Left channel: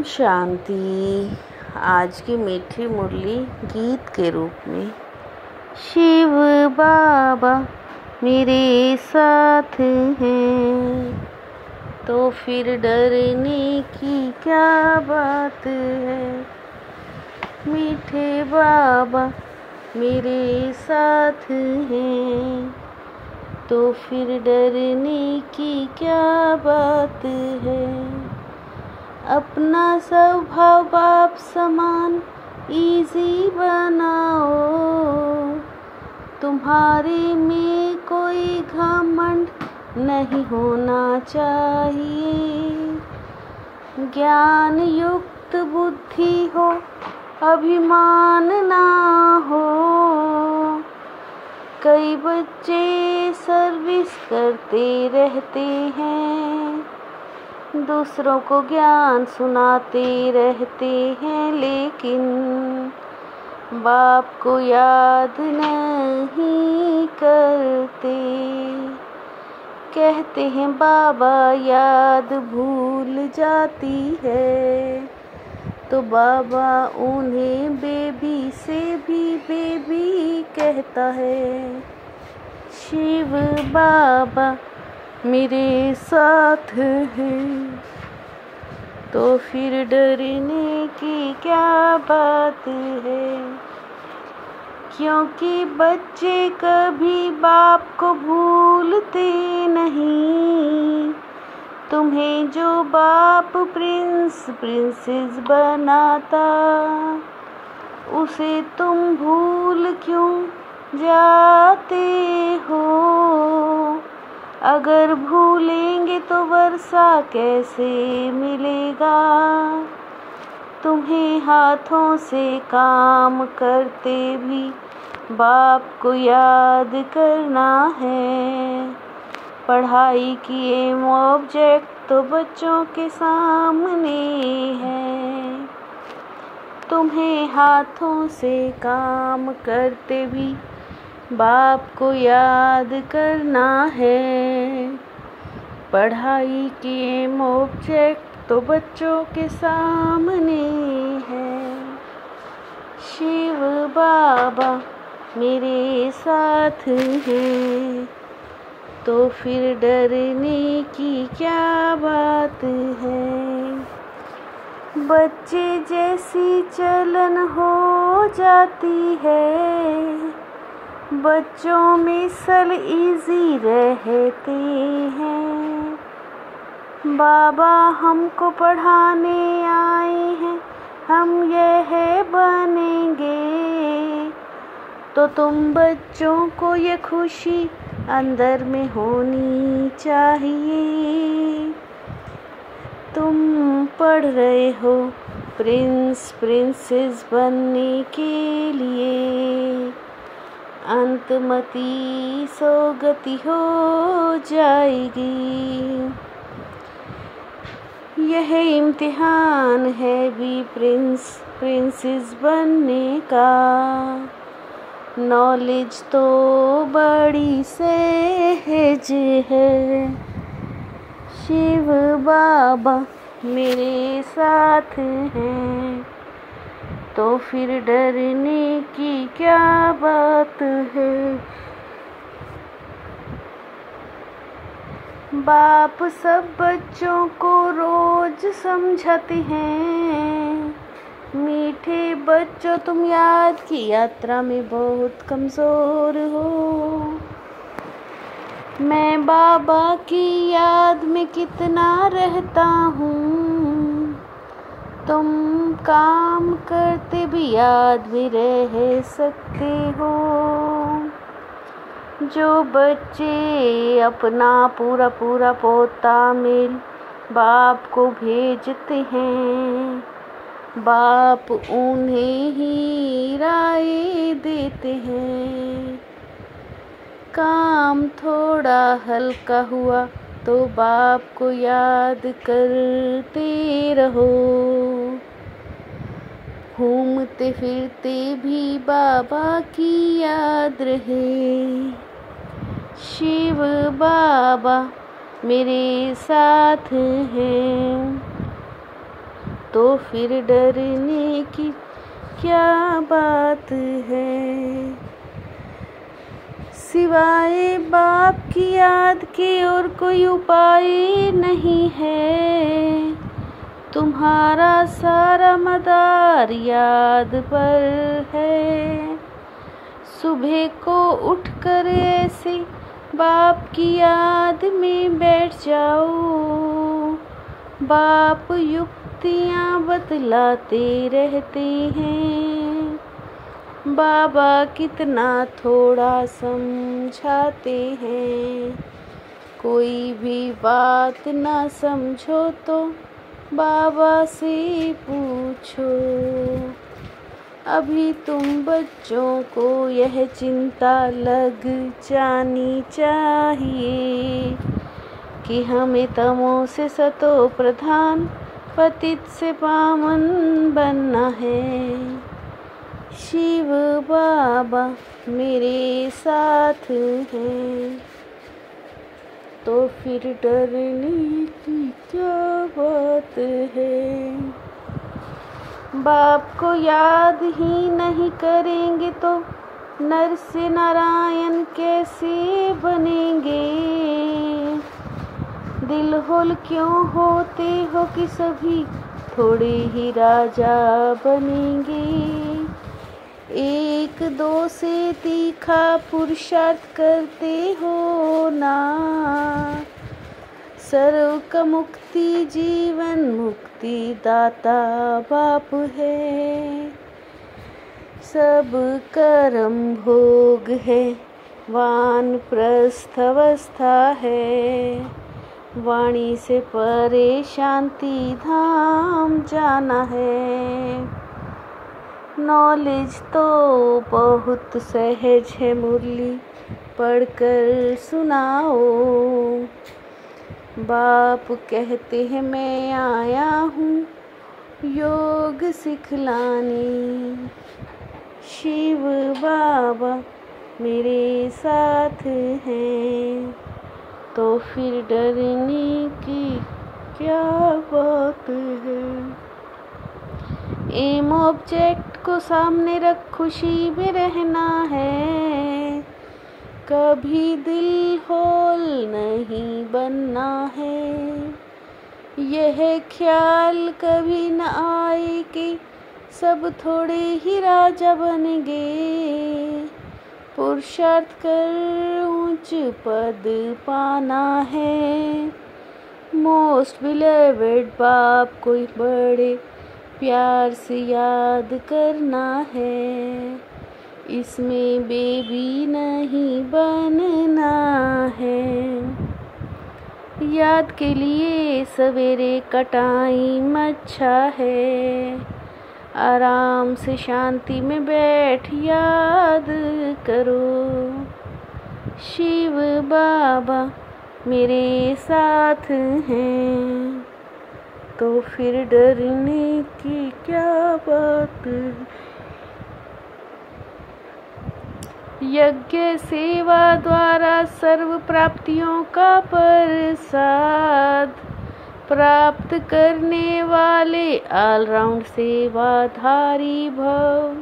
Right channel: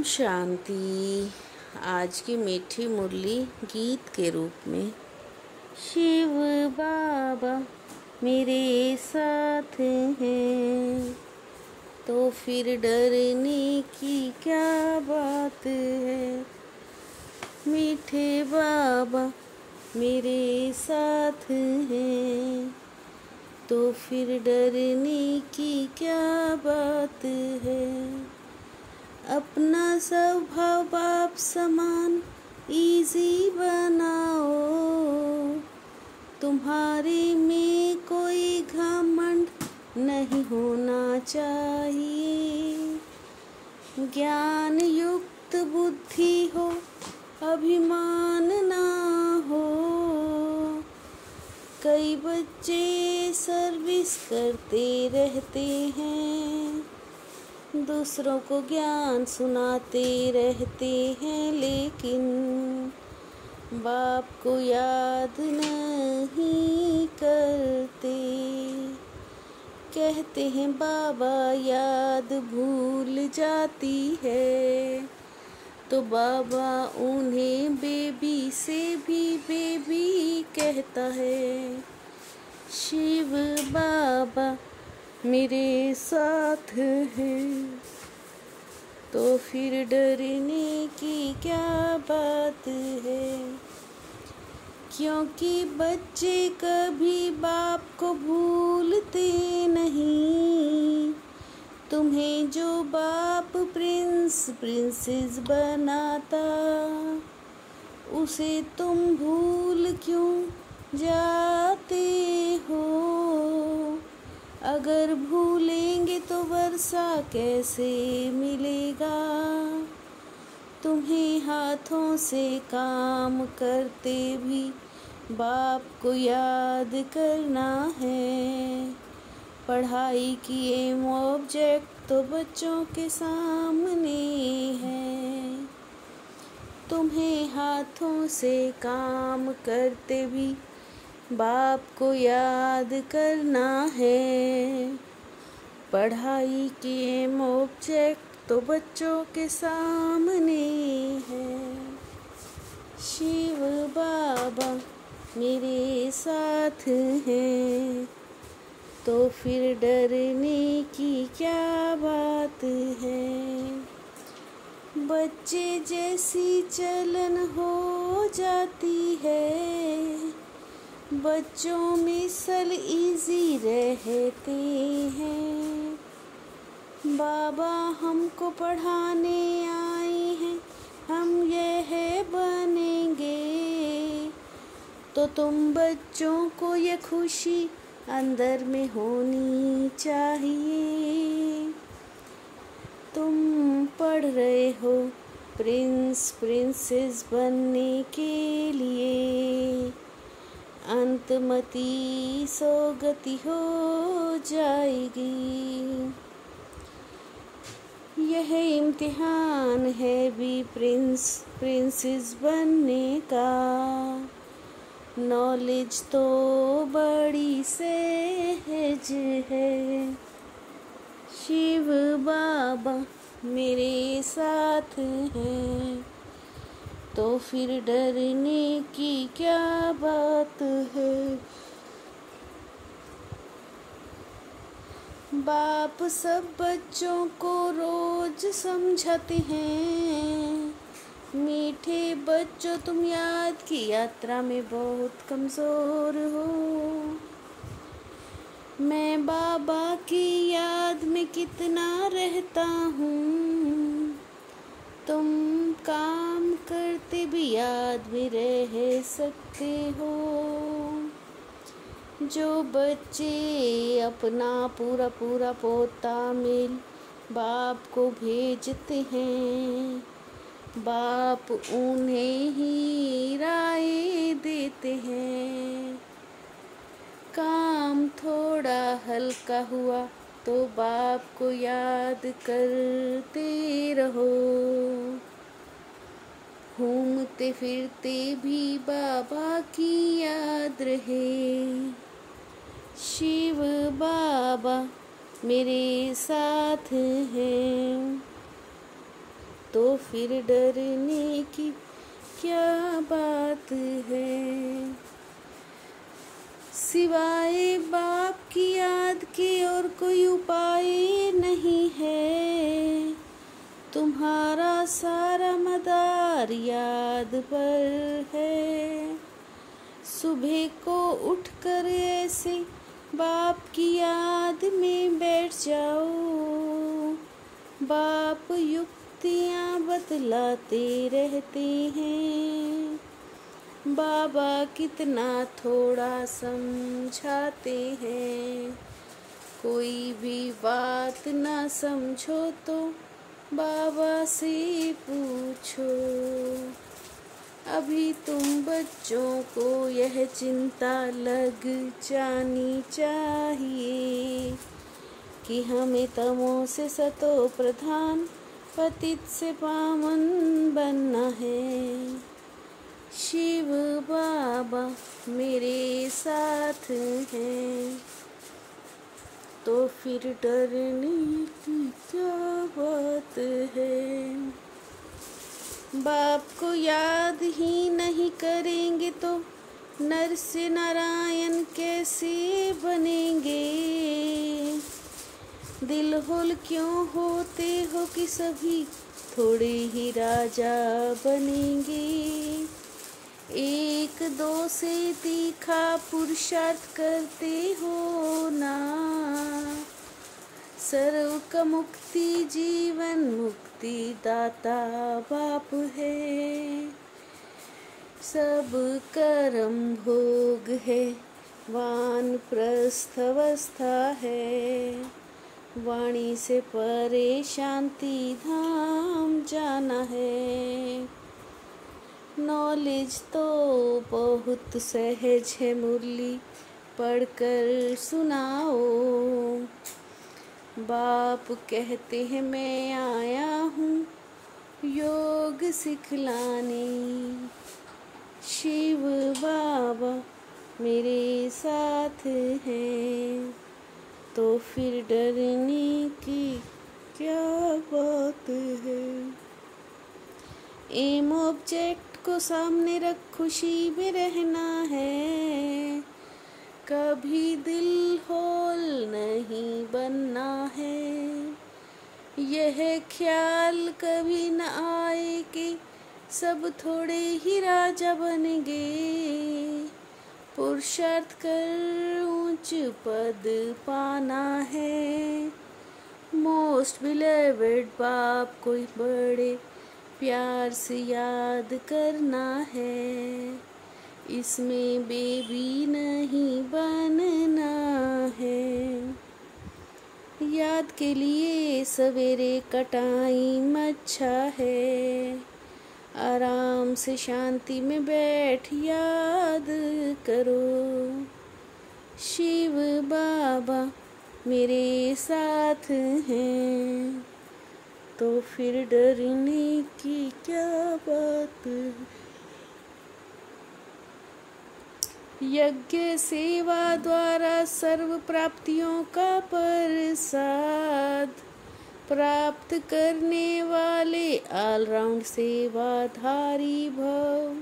ओम शांति। आज की मीठी मुरली गीत के रूप में। शिव बाबा मेरे साथ हैं तो फिर डरने की क्या बात है। मीठे बाबा मेरे साथ हैं तो फिर डरने की क्या बात है। अपना स्वभाव बाप समान इजी बनाओ, तुम्हारे में कोई घमंड नहीं होना चाहिए। ज्ञान युक्त बुद्धि हो, अभिमान ना हो। कई बच्चे सर्विस करते रहते हैं, दूसरों को ज्ञान सुनाते रहते हैं, लेकिन बाप को याद नहीं करते। कहते हैं बाबा याद भूल जाती है, तो बाबा उन्हें बेबी से भी बेबी कहता है। शिव बाबा मेरे साथ हैं तो फिर डरने की क्या बात है। क्योंकि बच्चे कभी बाप को भूलते नहीं। तुम्हें जो बाप प्रिंसेस बनाता, उसे तुम भूल क्यों जाते हो। अगर भूलेंगे तो वर्षा कैसे मिलेगा। तुम्हें हाथों से काम करते भी बाप को याद करना है। पढ़ाई की एम ऑब्जेक्ट तो बच्चों के सामने है। तुम्हें हाथों से काम करते भी बाप को याद करना है। पढ़ाई की एम ऑब्जेक्ट तो बच्चों के सामने है। शिव बाबा मेरे साथ हैं तो फिर डरने की क्या बात है। बच्चे जैसी चलन हो जाती है, बच्चों में सल इजी रहते हैं। बाबा हमको पढ़ाने आए हैं, हम यह बनेंगे। तो तुम बच्चों को ये खुशी अंदर में होनी चाहिए। तुम पढ़ रहे हो प्रिंसेस बनने के लिए, अंतमती सोगति हो जाएगी। यह इम्तिहान है भी प्रिंसेस बनने का। नॉलेज तो बड़ी सहज है। शिव बाबा मेरे साथ हैं तो फिर डरने की क्या बात है। बाप सब बच्चों को रोज समझाते हैं। मीठे बच्चों तुम याद की यात्रा में बहुत कमज़ोर हो। मैं बाबा की याद में कितना रहता हूँ। तुम काम करते भी याद में रह सकते हो। जो बच्चे अपना पूरा पोता मिल बाप को भेजते हैं, बाप उन्हें ही राय देते हैं। काम थोड़ा हल्का हुआ तो बाप को याद करते रहो। घूमते फिरते भी बाबा की याद रहे। शिव बाबा मेरे साथ हैं तो फिर डरने की क्या बात है। सिवाय बाप की याद के और कोई उपाय नहीं है। तुम्हारा सारा मदार याद पर है। सुबह को उठकर ऐसे बाप की याद में बैठ जाओ। बाप युक्तियाँ बतलाते रहते हैं। बाबा कितना थोड़ा समझाते हैं। कोई भी बात ना समझो तो बाबा से पूछो। अभी तुम बच्चों को यह चिंता लग जानी चाहिए कि हमें तमो से सतो प्रधान, पतित से पावन बनना है। शिव बाबा मेरे साथ हैं, तो फिर डरने की क्या बात है। बाप को याद ही नहीं करेंगे तो नर से नारायण कैसे बनेंगे। दिल होल क्यों होते हो कि सभी थोड़े ही राजा बनेंगे। एक दो से तीखा पुरुषार्थ करते हो ना। सर्व का मुक्ति जीवन मुक्ति दाता बाप है। सब कर्म भोग है, वानप्रस्थ अवस्था है। वाणी से परे शांति धाम जाना है। नॉलेज तो बहुत सहज है, मुरली पढ़कर सुनाओ। बाप कहते हैं मैं आया हूँ योग सिखलाने। शिव बाबा मेरे साथ हैं, तो फिर डरने की क्या बात है। एम ऑब्जेक्ट को सामने रख खुशी में रहना है। कभी दिल होल नहीं बनना है। यह ख्याल कभी न आए कि सब थोड़े ही राजा बनेंगे। पुरुषार्थ कर ऊंच पद पाना है। मोस्ट बिलीवेड बाप को बड़े प्यार से याद करना है। इसमें बेबी नहीं बनना है। याद के लिए सवेरे का टाइम अच्छा है। आराम से शांति में बैठ याद करो। शिव बाबा मेरे साथ हैं, तो फिर डरने की क्या बात। यज्ञ सेवा द्वारा सर्व प्राप्तियों का प्रसाद प्राप्त करने वाले ऑलराउंड सेवाधारी भव।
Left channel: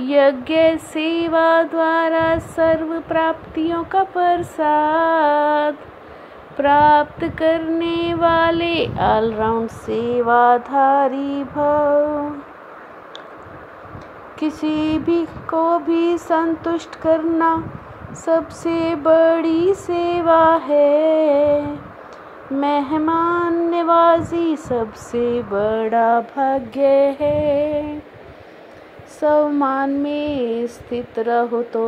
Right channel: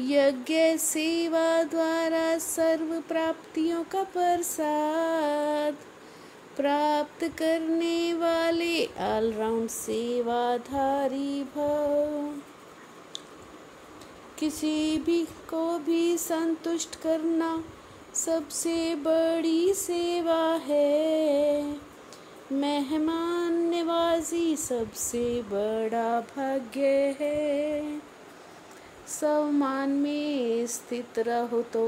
यज्ञ सेवा द्वारा सर्व प्राप्तियों का प्रसाद प्राप्त करने वाले ऑलराउंड सेवाधारी भव। किसी भी को भी संतुष्ट करना सबसे बड़ी सेवा है। मेहमान नवाजी सबसे बड़ा भाग्य है। सम्मान में स्थित रहो तो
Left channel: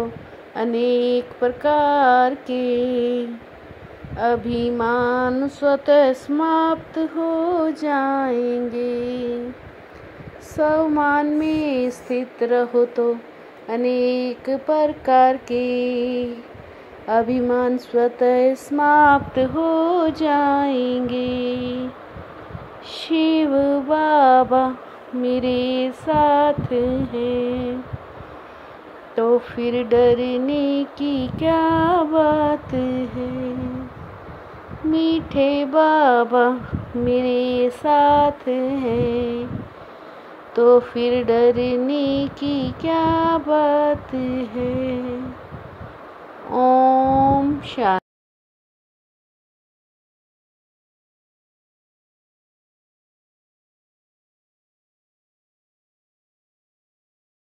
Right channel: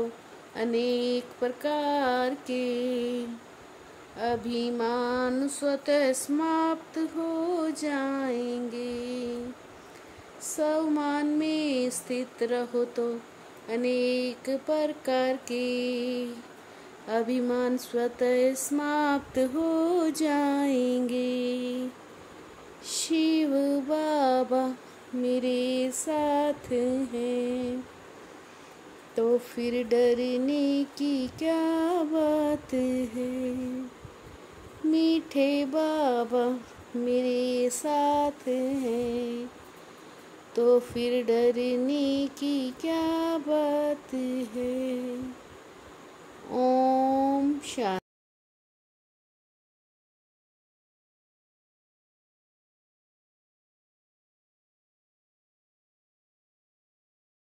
अनेक प्रकार के अभिमान स्वतः समाप्त हो जाएंगे। सम्मान में स्थित रहो तो अनेक प्रकार के अभिमान स्वतः समाप्त हो जाएंगे। शिव बाबा मेरे साथ हैं, तो फिर डरने की क्या बात है। मीठे बाबा मेरे साथ है, तो फिर डरने की क्या बात है। ओम शांति।